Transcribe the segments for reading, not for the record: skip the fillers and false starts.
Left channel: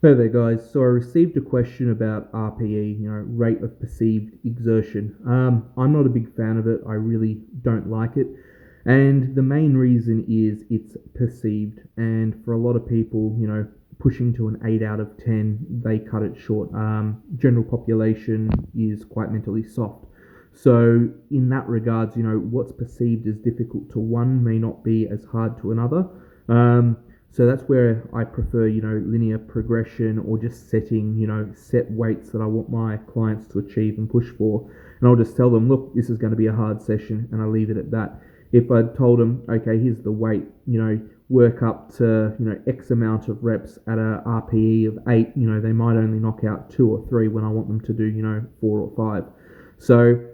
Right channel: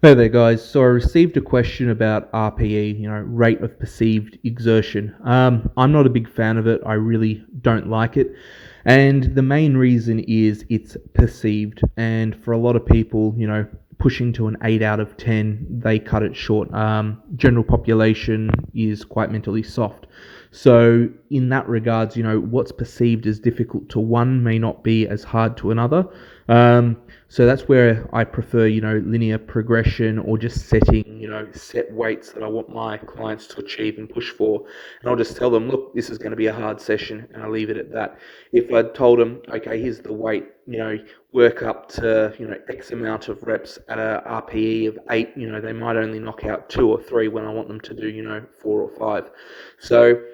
Hey there, guys. So I received a question about RPE, rate of perceived exertion. I'm not a big fan of it. I really don't like it. And the main reason is it's perceived. And for a lot of people, pushing to an 8 out of 10, they cut it short. General population is quite mentally soft. So in that regards, what's perceived as difficult to one may not be as hard to another. Um, so that's where I prefer, linear progression or just setting, set weights that I want my clients to achieve and push for. And I'll just tell them, look, this is going to be a hard session, and I leave it at that. If I told them, okay, here's the weight, work up to, X amount of reps at a RPE of 8, they might only knock out 2 or 3 when I want them to do, 4 or 5. So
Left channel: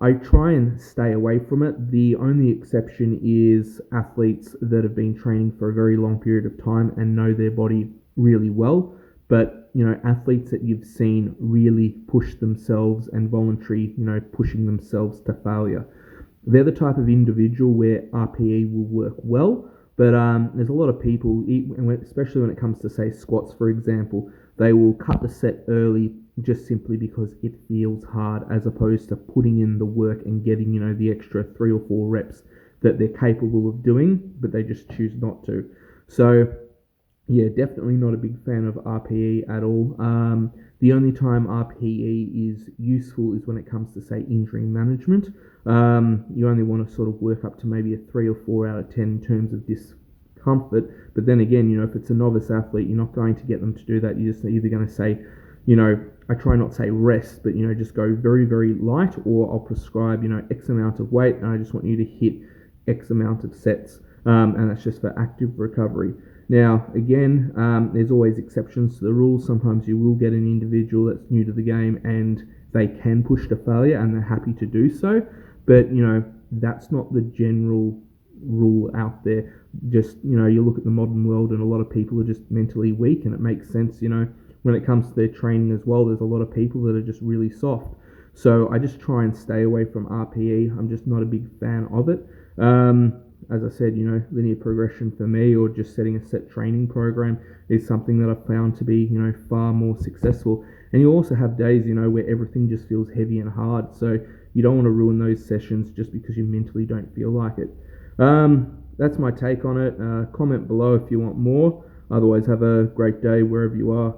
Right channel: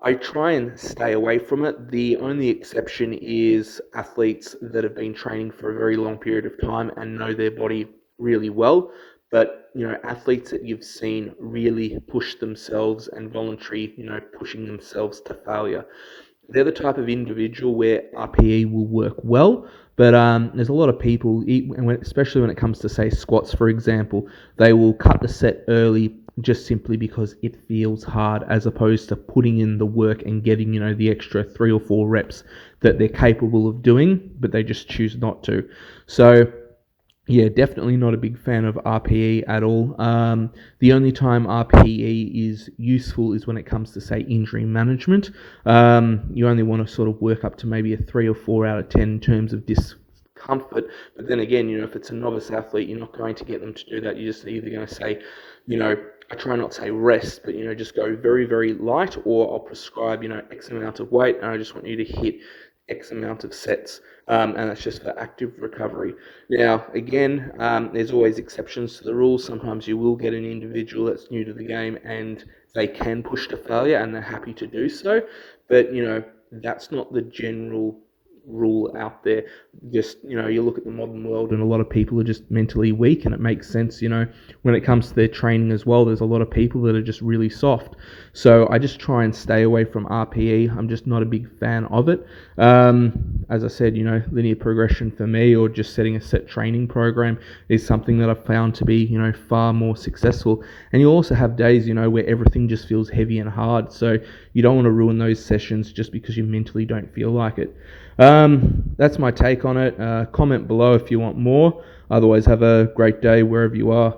I try and stay away from it. The only exception is athletes that have been training for a very long period of time and know their body really well. But, athletes that you've seen really push themselves and voluntary, pushing themselves to failure. They're the type of individual where RPE will work well. But there's a lot of people, especially when it comes to, say, squats, for example, they will cut the set early just simply because it feels hard, as opposed to putting in the work and getting, the extra 3 or 4 reps that they're capable of doing, but they just choose not to. So yeah, definitely not a big fan of RPE at all. The only time RPE is useful is when it comes to, say, injury management. You only want to sort of work up to maybe a 3 or 4 out of 10 in terms of discomfort. But then again, if it's a novice athlete, you're not going to get them to do that. You're just either going to say, I try not to say rest, but, just go very, very light, or I'll prescribe, X amount of weight, and I just want you to hit X amount of sets. And that's just for active recovery. Now, again, there's always exceptions to the rules. Sometimes you will get an individual that's new to the game and they can push to failure and they're happy to do so. But, that's not the general rule out there. Just, you look at the modern world and a lot of people are just mentally weak, and it makes sense, when it comes to their training as well. There's a lot of people that are just really soft. So I just try and stay away from RPE. I'm just not a big fan of it. As I said, linear progression for me, or just setting a set training program, is something that I've found to be, far more successful. And you also have days, where everything just feels heavy and hard. So you don't want to ruin those sessions just because you mentally don't feel like it. That's my take on it. Comment below if you want more. Otherwise, have a great day wherever you are.